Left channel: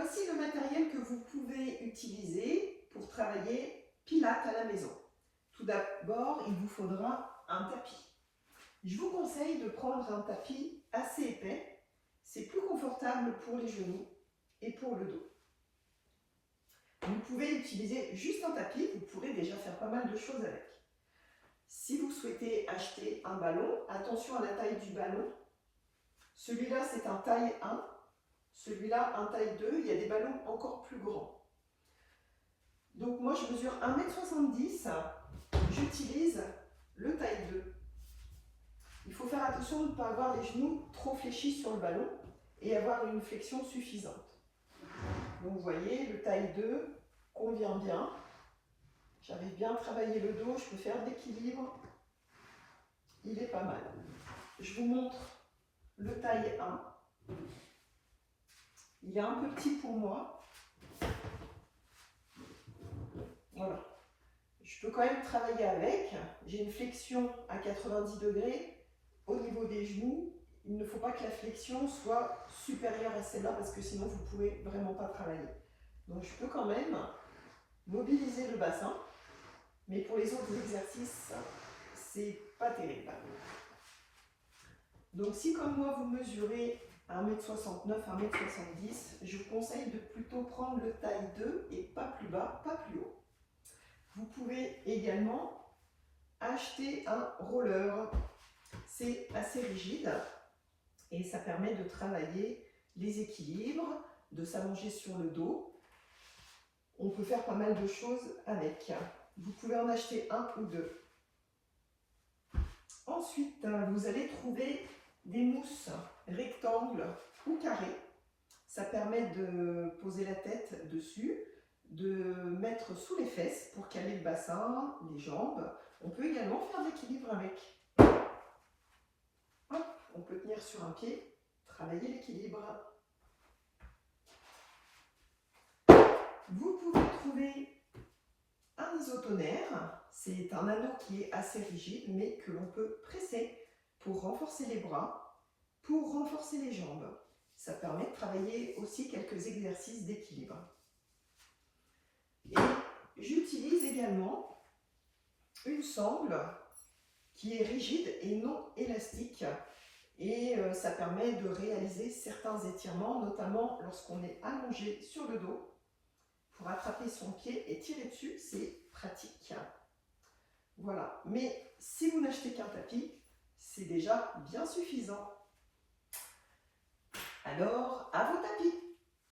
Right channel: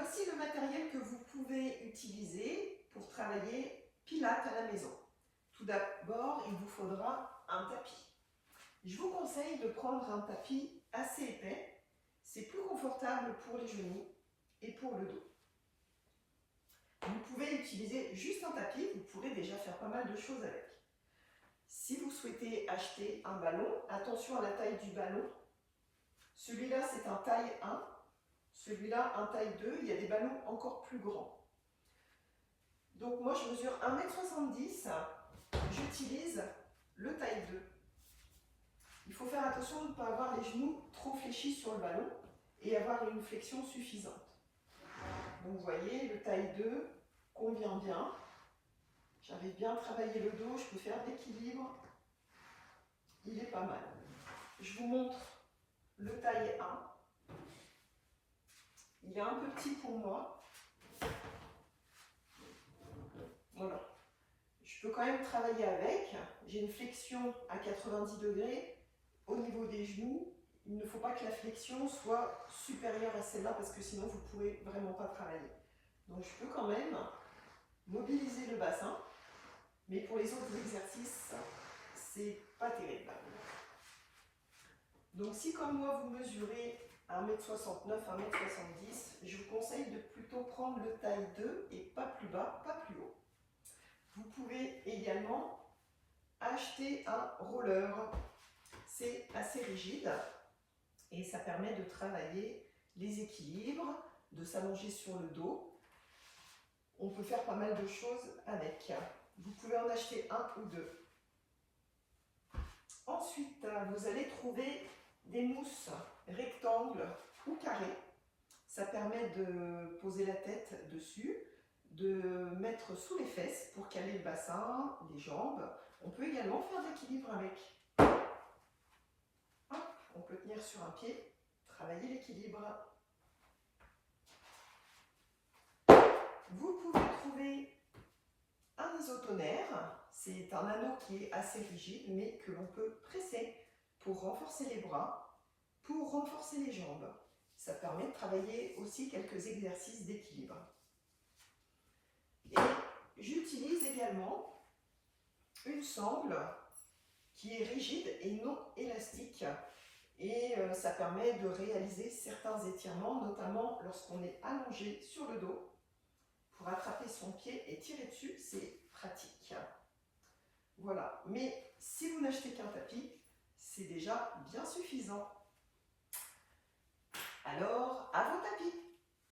Voici le matériel que vous pouvez utiliser pour travailler Pilates à la maison. Tout d'abord, il vous faudra un tapis. Je vous conseille de prendre un tapis assez épais. C'est plus confortable pour les genoux et pour le dos. Vous pouvez utiliser juste un tapis, vous pourrez déjà faire pas mal de choses avec. Si vous souhaitez acheter un ballon, attention à la taille du ballon. Celui-là, c'est un taille 1. Celui-là, un taille 2. Il y a des ballons encore plus grands. Donc moi, je mesure 1,70 m. J'utilise le taille 2. Il faut faire attention de ne pas avoir les genoux trop fléchis sur le ballon et avoir une flexion suffisante. Donc vous voyez, le taille 2 convient bien. J'arrive bien à travailler le dos, je peux faire de l'équilibre. Il est pas mal. Je vous montre le taille 1. Il est un peu petit pour moi. Voilà. Je peux quand même travailler avec. J'ai une flexion à 90 degrés au niveau des genoux. Il ne faut pas que la flexion soit supérieure à celle-là parce que sinon vous ne pourrez vraiment pas travailler. Donc je peux quand même mobiliser le bassin. Mais pour les autres exercices, c'est pas terrible. Donc si comme moi vous mesurez 1,69 m, 1,70 m, je vous conseille de plutôt prendre le taille 2 et pas plus bas, pas plus haut. Vous pouvez également acheter un roller. C'est assez rigide et ça permet de travailler les équilibres, de s'allonger sur le dos. On peut faire pas mal de choses avec. Vous pouvez en acheter un ou deux. Ensuite, vous allez trouver des mousses rectangles ou carrées. Ça permet de poser la tête dessus, de mettre sous les fesses pour caler le bassin, les jambes. On peut également faire de l'équilibre avec. Hop, on peut tenir sur un pied, travailler l'équilibre. Vous pouvez trouver un isotonaire. C'est un anneau qui est assez rigide, mais que l'on peut presser pour renforcer les bras, pour renforcer les jambes. Ça permet de travailler aussi quelques exercices d'équilibre. Et j'utilise également une sangle qui est rigide et non élastique. Et ça permet de réaliser certains étirements, notamment lorsqu'on est allongé sur le dos. Pour attraper son pied et tirer dessus, c'est pratique. Voilà, mais si vous n'achetez qu'un tapis, c'est déjà bien suffisant. Alors, à vos tapis!